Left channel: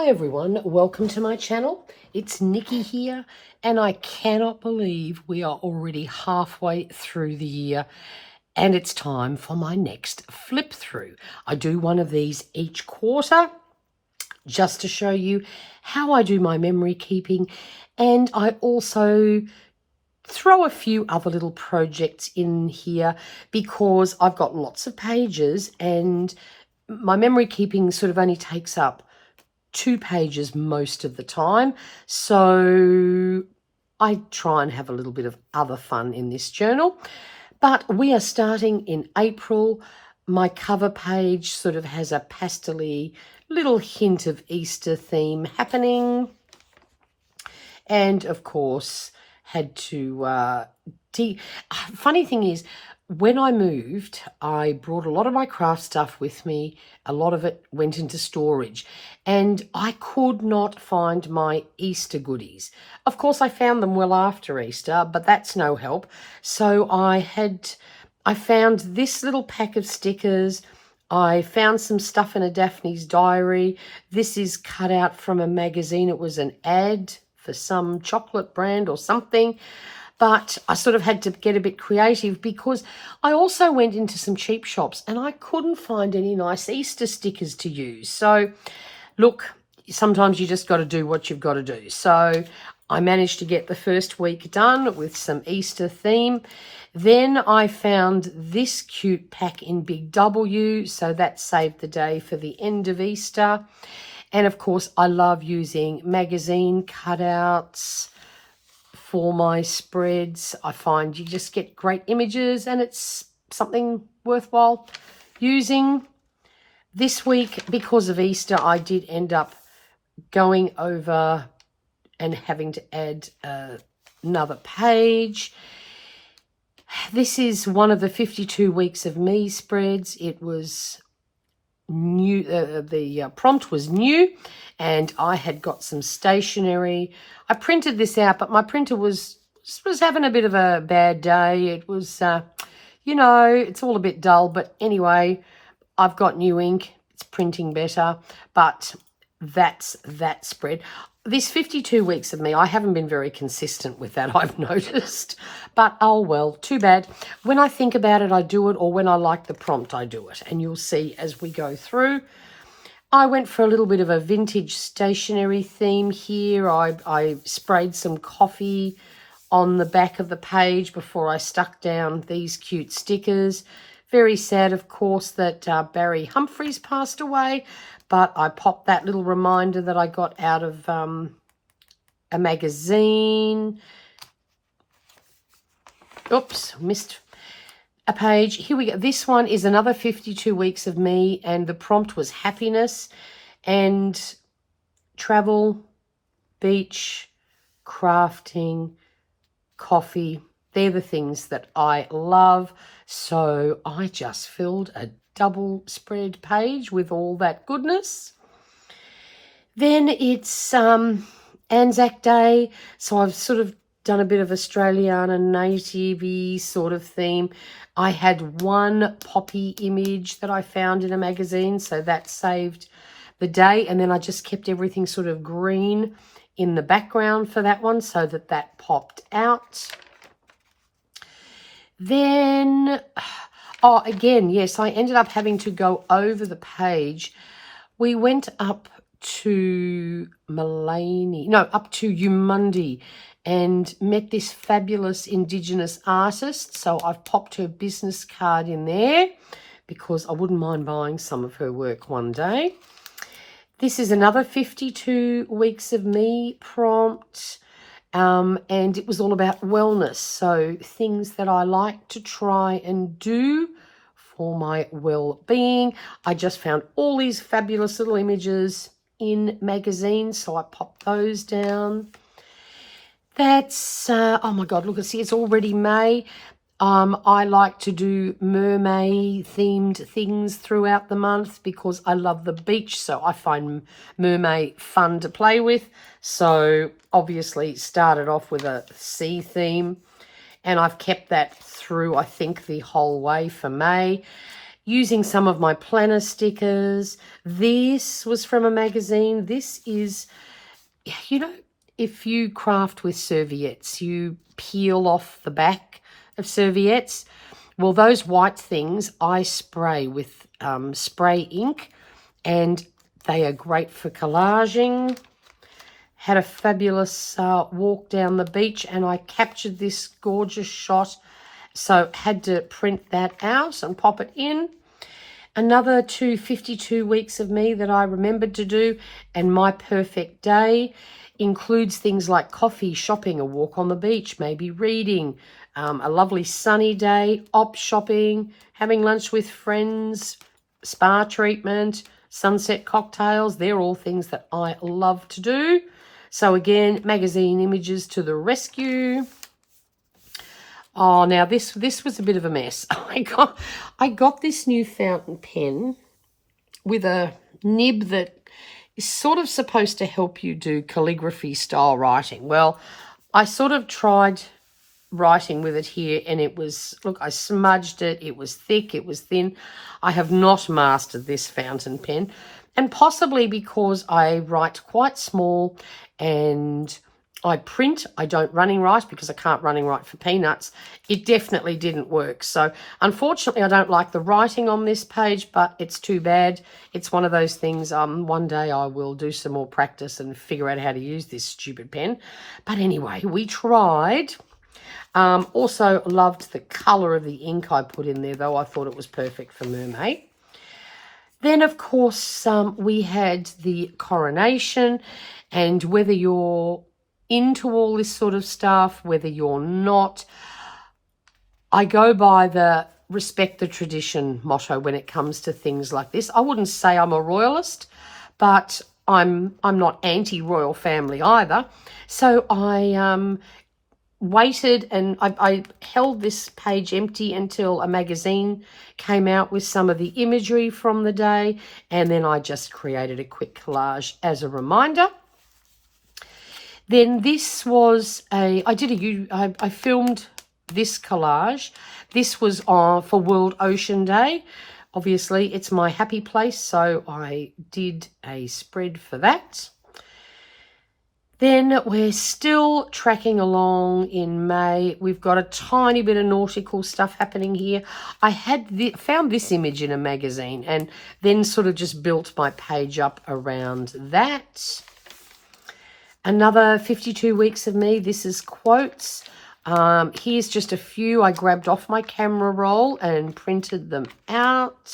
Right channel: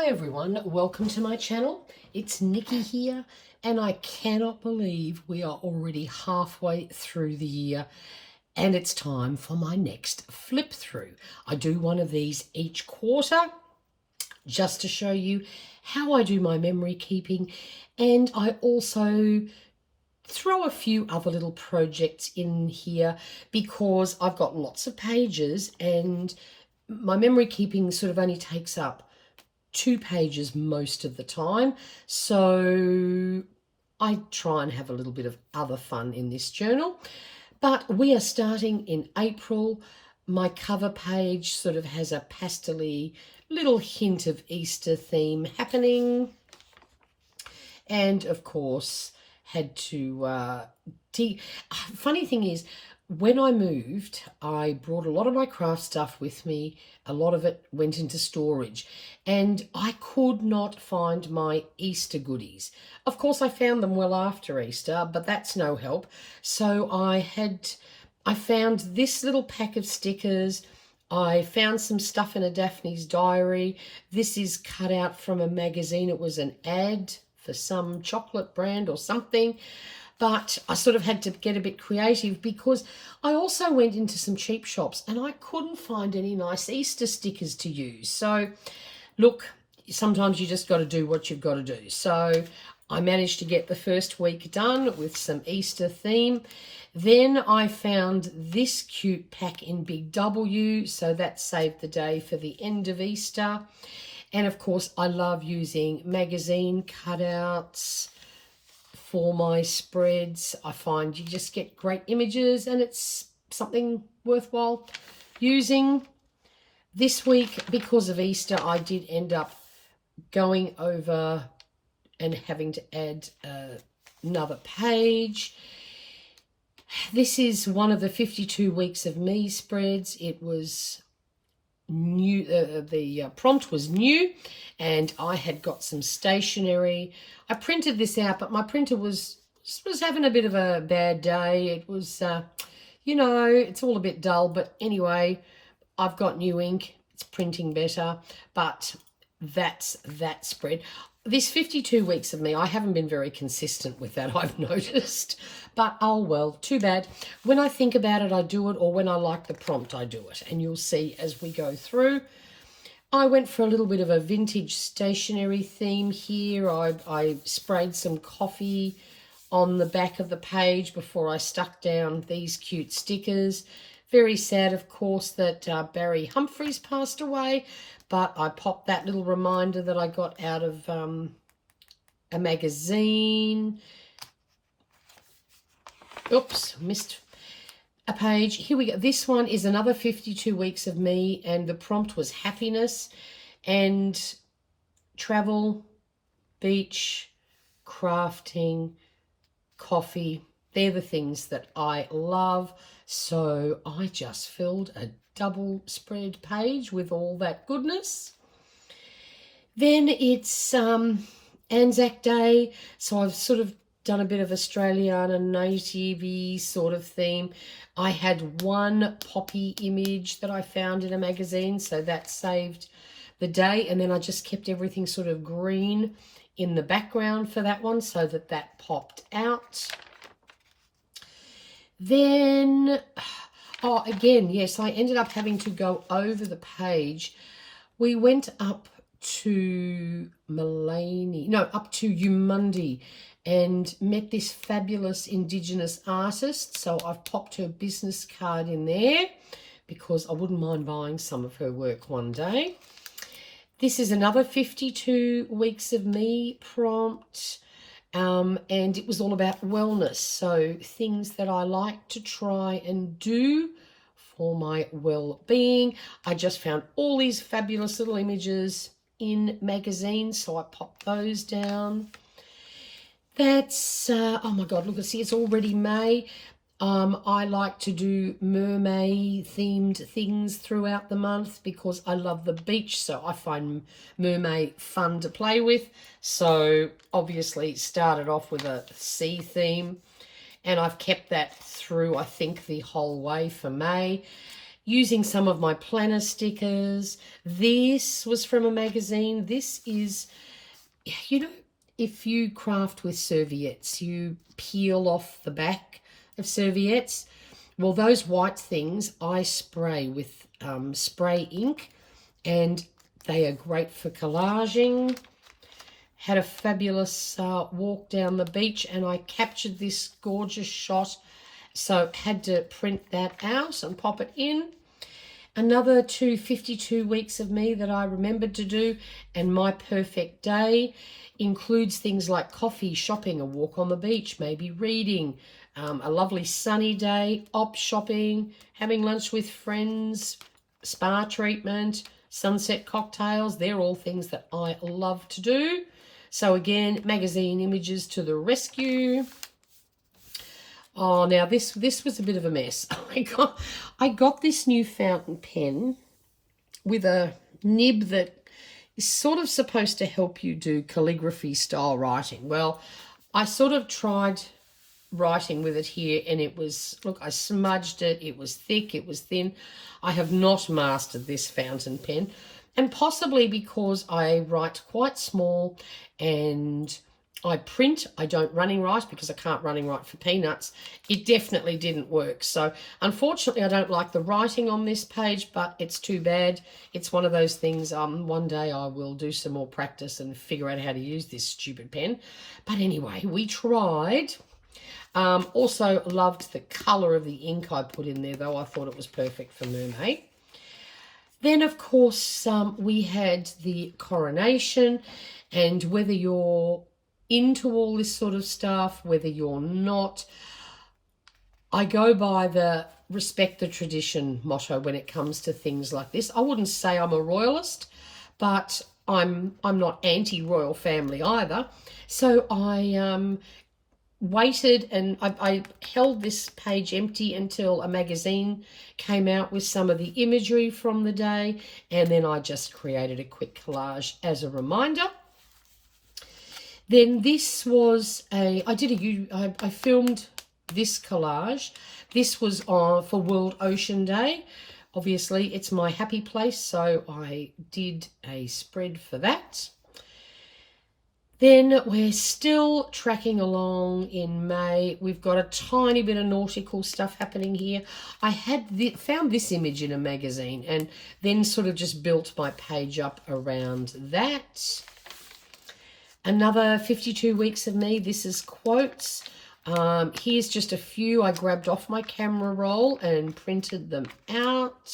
Hi everyone, welcome to my channel. It's Nikki here and I cannot believe we are already halfway through the year and it's time for my next flip through. I do one of these each quarter just to show you how I do my memory keeping, and I also throw a few other little projects in here because I've got lots of pages and my memory keeping sort of only takes up 2 pages most of the time, so I try and have a little bit of other fun in this journal. But we are starting in April. My cover page sort of has a pastel-y little hint of Easter theme happening, and of course had to funny thing is, when I moved, I brought a lot of my craft stuff with me. A lot of it went into storage and I could not find my Easter goodies. Of course, I found them well after Easter, but that's no help. So I found this little pack of stickers. I found some stuff in a Daphne's diary. This is cut out from a magazine. It was an ad for some chocolate brand or something. But I sort of had to get a bit creative because I also went into some cheap shops and I couldn't find any nice Easter stickers to use. So look, sometimes you just got to do what you've got to do. So I managed to get the first week done with some Easter theme. Then I found this cute pack in Big W, so that saved the day for the end of Easter. And of course, I love using magazine cutouts for my spreads. I find you just get great images and it's something worthwhile using. This week, because of Easter, I did end up going over and having to add another page. This is one of the 52 weeks of me spreads. It was new, the prompt was new, and I had got some stationery. I printed this out, but my printer was having a bit of a bad day. It was, you know, it's all a bit dull. But anyway, I've got new ink. It's printing better. But that's that spread. This 52 weeks of me, I haven't been very consistent with that, I've noticed. But oh well, too bad. When I think about it, I do it, or when I like the prompt, I do it. And you'll see as we go through. I went for a little bit of a vintage stationery theme here. I sprayed some coffee on the back of the page before I stuck down these cute stickers. Very sad, of course, that Barry Humphries passed away, but I popped that little reminder that I got out of a magazine. Oops, missed a page. Here we go. This one is another 52 weeks of me, and the prompt was happiness and travel, beach, crafting, coffee. They're the things that I love. So I just filled a double spread page with all that goodness. Then it's Anzac Day, so I've sort of done a bit of Australiana native-y sort of theme. I had one poppy image that I found in a magazine, so that saved the day. And then I just kept everything sort of green in the background for that one so that that popped out. Then, oh, again, yes, I ended up having to go over the page. We went up to up to Umundi and met this fabulous Indigenous artist. So I've popped her business card in there because I wouldn't mind buying some of her work one day. This is another 52 weeks of me prompt, and it was all about wellness. So things that I like to try and do for my well-being. I just found all these fabulous little images in magazines, so I popped those down. That's, oh my God, look, see, it's already May. I like to do mermaid themed things throughout the month because I love the beach. So I find mermaid fun to play with. So obviously started off with a sea theme and I've kept that through, I think, the whole way for May. Using some of my planner stickers. This was from a magazine. This is, you know, if you craft with serviettes, you peel off the back of serviettes. Well, those white things I spray with spray ink, and they are great for collaging. Had a fabulous walk down the beach, and I captured this gorgeous shot, so had to print that out and pop it in. Another 52 weeks of me that I remembered to do, and my perfect day includes things like coffee, shopping, a walk on the beach, maybe reading, a lovely sunny day, op shopping, having lunch with friends, spa treatment, sunset cocktails. They're all things that I love to do. So again, magazine images to the rescue. Oh, now this was a bit of a mess. I got this new fountain pen with a nib that is sort of supposed to help you do calligraphy style writing. Well, I sort of tried writing with it here, and it was, look, I smudged it. It was thick, it was thin. I have not mastered this fountain pen, and possibly because I write quite small and I print, I don't running write because I can't running write for peanuts. It definitely didn't work. So unfortunately, I don't like the writing on this page, but it's too bad. It's one of those things, one day I will do some more practice and figure out how to use this stupid pen. But anyway, we tried. Also loved the colour of the ink I put in there, though. I thought it was perfect for Mermaid. Then, of course, we had the coronation, and whether you're into all this sort of stuff, whether you're not, I go by the respect the tradition motto when it comes to things like this. I wouldn't say I'm a royalist, but I'm not anti-royal family either. So I waited, and I held this page empty until a magazine came out with some of the imagery from the day, and then I just created a quick collage as a reminder. Then this was I filmed this collage. This was for World Ocean Day. Obviously, it's my happy place, so I did a spread for that. Then we're still tracking along in May. We've got a tiny bit of nautical stuff happening here. I had found this image in a magazine and then sort of just built my page up around that. Another 52 weeks of me. This is quotes. Here's just a few I grabbed off my camera roll and printed them out.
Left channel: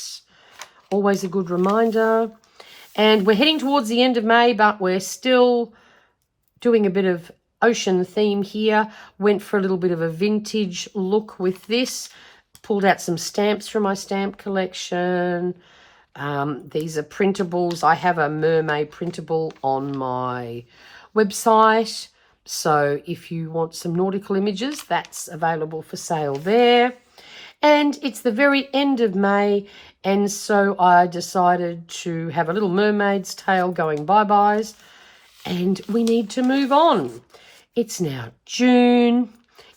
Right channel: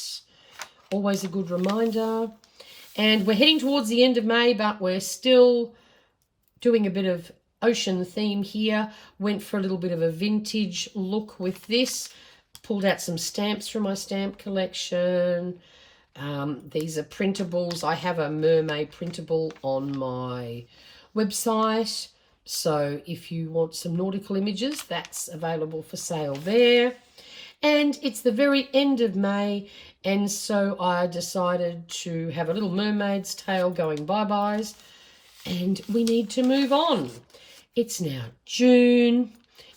Always a good reminder. And we're heading towards the end of May, but we're still doing a bit of ocean theme here. Went for a little bit of a vintage look with this. Pulled out some stamps from my stamp collection. These are printables. I have a mermaid printable on my website, so if you want some nautical images, that's available for sale there. And it's the very end of May, and so I decided to have a little mermaid's tale going bye-byes, and we need to move on. It's now June.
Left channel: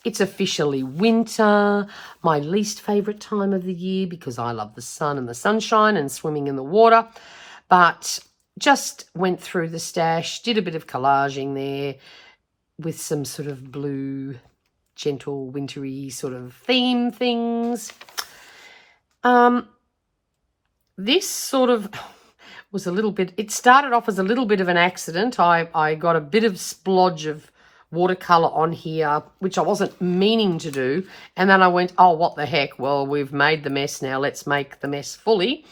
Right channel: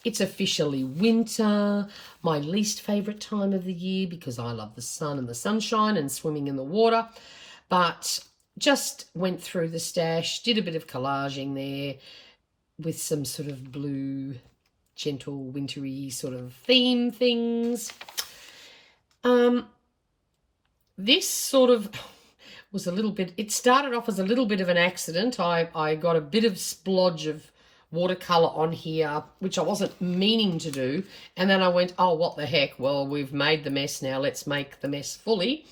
It's officially winter, my least favorite time of the year because I love the sun and the sunshine and swimming in the water, but just went through the stash, did a bit of collaging there with some sort of blue, gentle, wintry sort of theme things. This sort of was a little bit, it started off as a little bit of an accident. I got a bit of splodge of watercolour on here, which I wasn't meaning to do. And then I went, oh, what the heck? Well, we've made the mess now. Let's make the mess fully.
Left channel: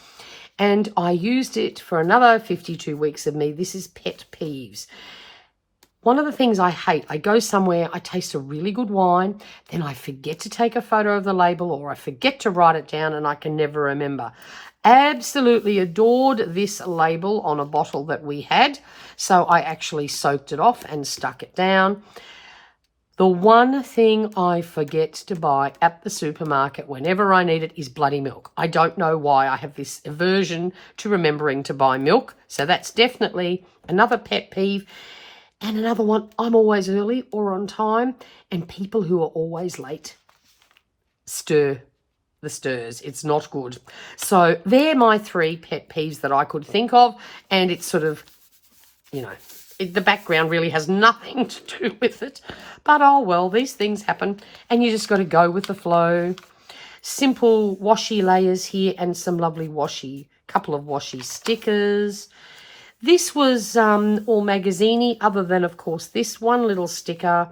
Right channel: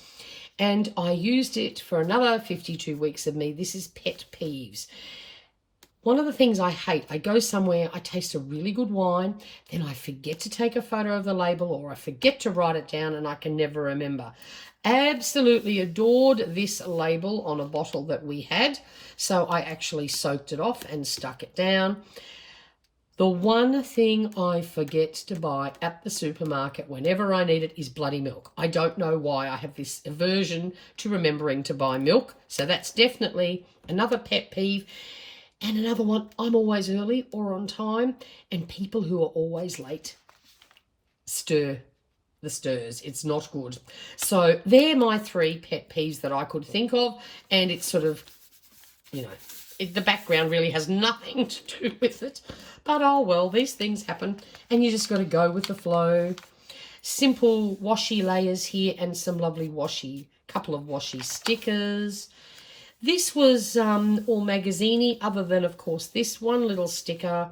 And I used it for another 52 weeks of me. This is pet peeves. One of the things I hate, I go somewhere, I taste a really good wine, then I forget to take a photo of the label or I forget to write it down and I can never remember. Absolutely adored this label on a bottle that we had. So I actually soaked it off and stuck it down. The one thing I forget to buy at the supermarket whenever I need it is bloody milk. I don't know why. I have this aversion to remembering to buy milk. So that's definitely another pet peeve. And another one, I'm always early or on time, and people who are always late stir the stirs. It's not good. So they're my 3 pet peeves that I could think of, and it's sort of, you know, the background really has nothing to do with it. But oh well, these things happen, and you just got to go with the flow. Simple washi layers here and some lovely couple of washi stickers. This was all magazine-y, other than, of course, this one little sticker.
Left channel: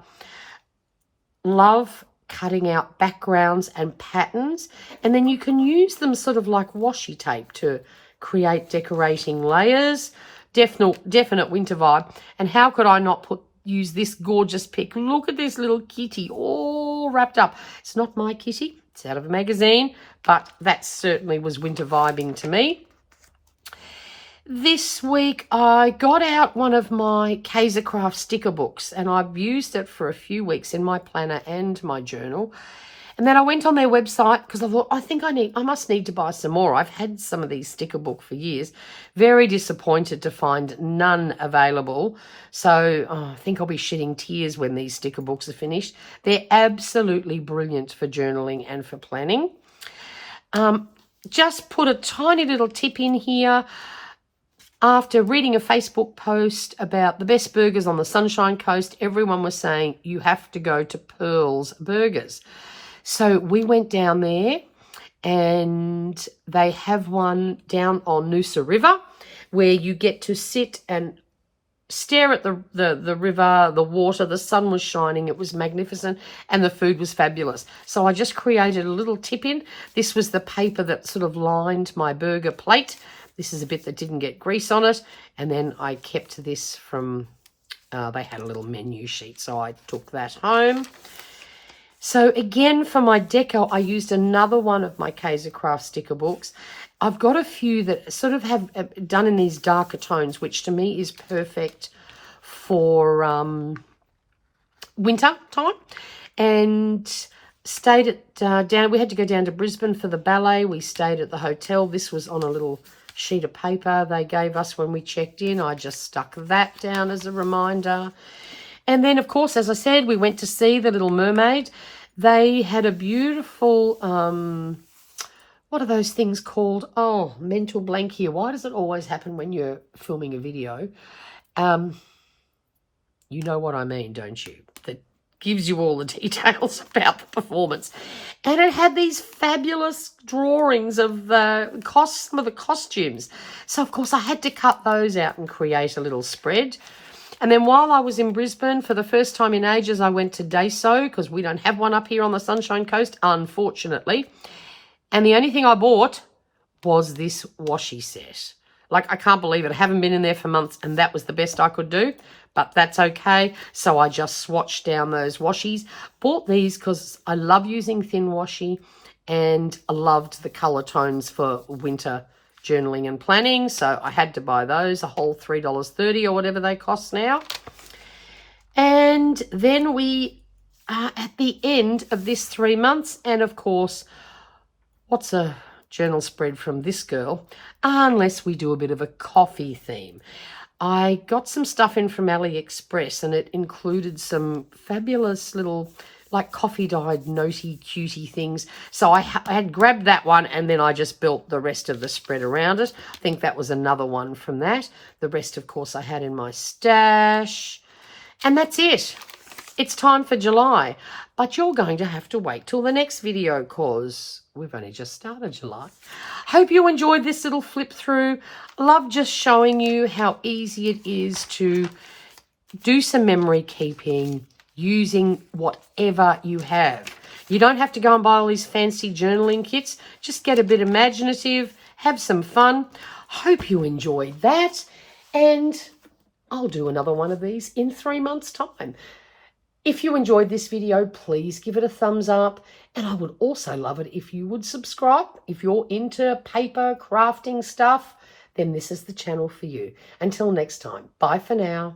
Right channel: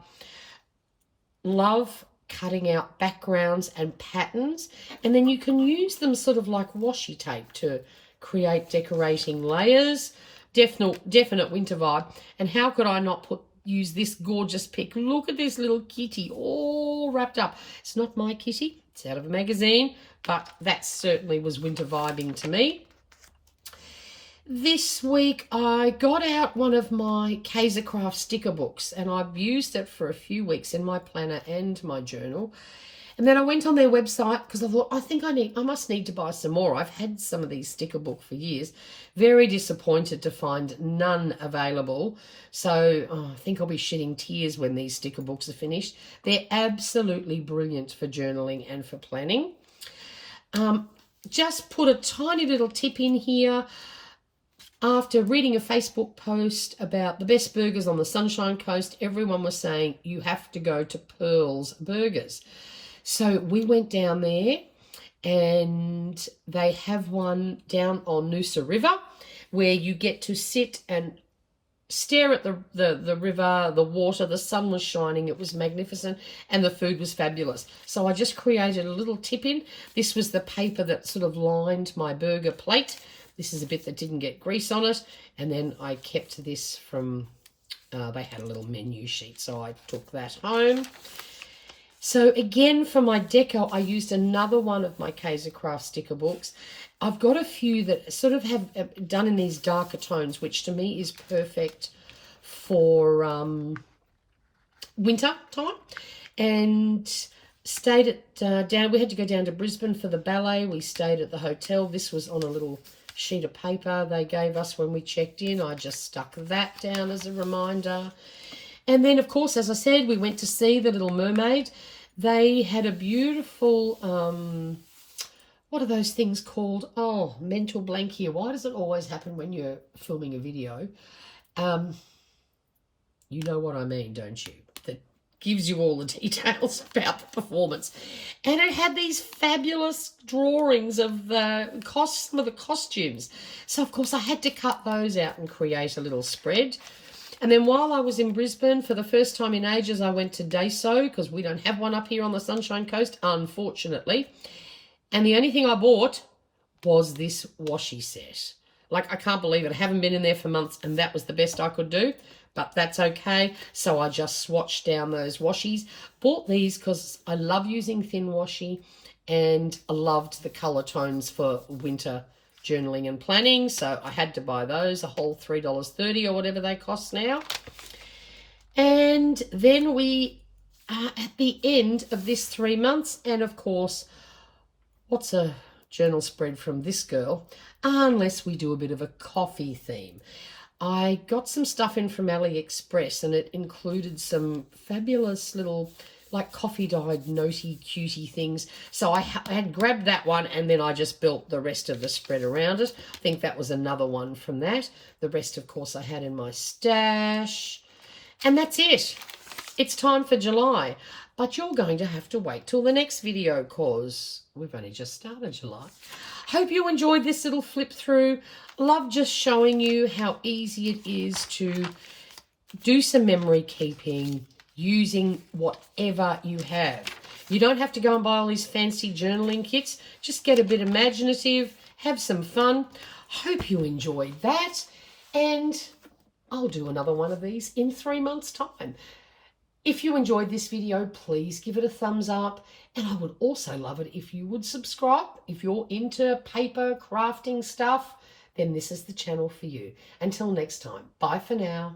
Love cutting out backgrounds and patterns, and then you can use them sort of like washi tape to create decorating layers. Definite winter vibe. And how could I not use this gorgeous pic? Look at this little kitty all wrapped up. It's not my kitty, it's out of a magazine, but that certainly was winter vibing to me. This week I got out one of my Kaiser Craft sticker books, and I've used it for a few weeks in my planner and my journal. And then I went on their website because I thought, I must need to buy some more. I've had some of these sticker books for years. Very disappointed to find none available. So I think I'll be shedding tears when these sticker books are finished. They're absolutely brilliant for journaling and for planning. Just put a tiny little tip in here. After reading a Facebook post about the best burgers on the Sunshine Coast, everyone was saying you have to go to Pearl's Burgers. So we went down there, and they have one down on Noosa River where you get to sit and stare at the river, the water. The sun was shining. It was magnificent, and the food was fabulous. So I just created a little tip in. This was the paper that sort of lined my burger plate. This is a bit that didn't get grease on it. And then I kept this from, they had a little menu sheet, so I took that home. So again, for my deco, I used another one of my Kaiser Craft sticker books. I've got a few that sort of have done in these darker tones, which to me is perfect for winter time. And stayed at, we had to go down to Brisbane for the ballet. We stayed at the hotel. This was on a little sheet of paper they gave us when we checked in. I just stuck that down as a reminder. And then, of course, as I said, we went to see The Little Mermaid. They had a beautiful, what are those things called? Oh, mental blank here. Why does it always happen when you're filming a video? You know what I mean, don't you? That gives you all the details about the performance. And it had these fabulous drawings of some of the costumes. So, of course, I had to cut those out and create a little spread. And then while I was in Brisbane, for the first time in ages, I went to Daiso, because we don't have one up here on the Sunshine Coast, unfortunately. And the only thing I bought was this washi set. Like, I can't believe it. I haven't been in there for months, and that was the best I could do. But that's okay. So I just swatched down those washies. Bought these because I love using thin washi, and I loved the colour tones for winter journaling and planning, so I had to buy those, a whole $3.30 or whatever they cost now. And then we are at the end of this 3 months, and of course, what's a journal spread from this girl, unless we do a bit of a coffee theme. I got some stuff in from AliExpress, and it included some fabulous little like coffee dyed notey cutie things. So I had grabbed that one, and then I just built the rest of the spread around it. I think that was another one from that. The rest, of course, I had in my stash. And that's it. It's time for July. But you're going to have to wait till the next video, because we've only just started July. Hope you enjoyed this little flip through. Love just showing you how easy it is to do some memory keeping using whatever you have. You don't have to go and buy all these fancy journaling kits. Just get a bit imaginative, have some fun. Hope you enjoyed that, and I'll do another one of these in 3 months' time. If you enjoyed this video, please give it a thumbs up, and I would also love it if you would subscribe. If you're into paper crafting stuff, then this is the channel for you. Until next time, bye for now.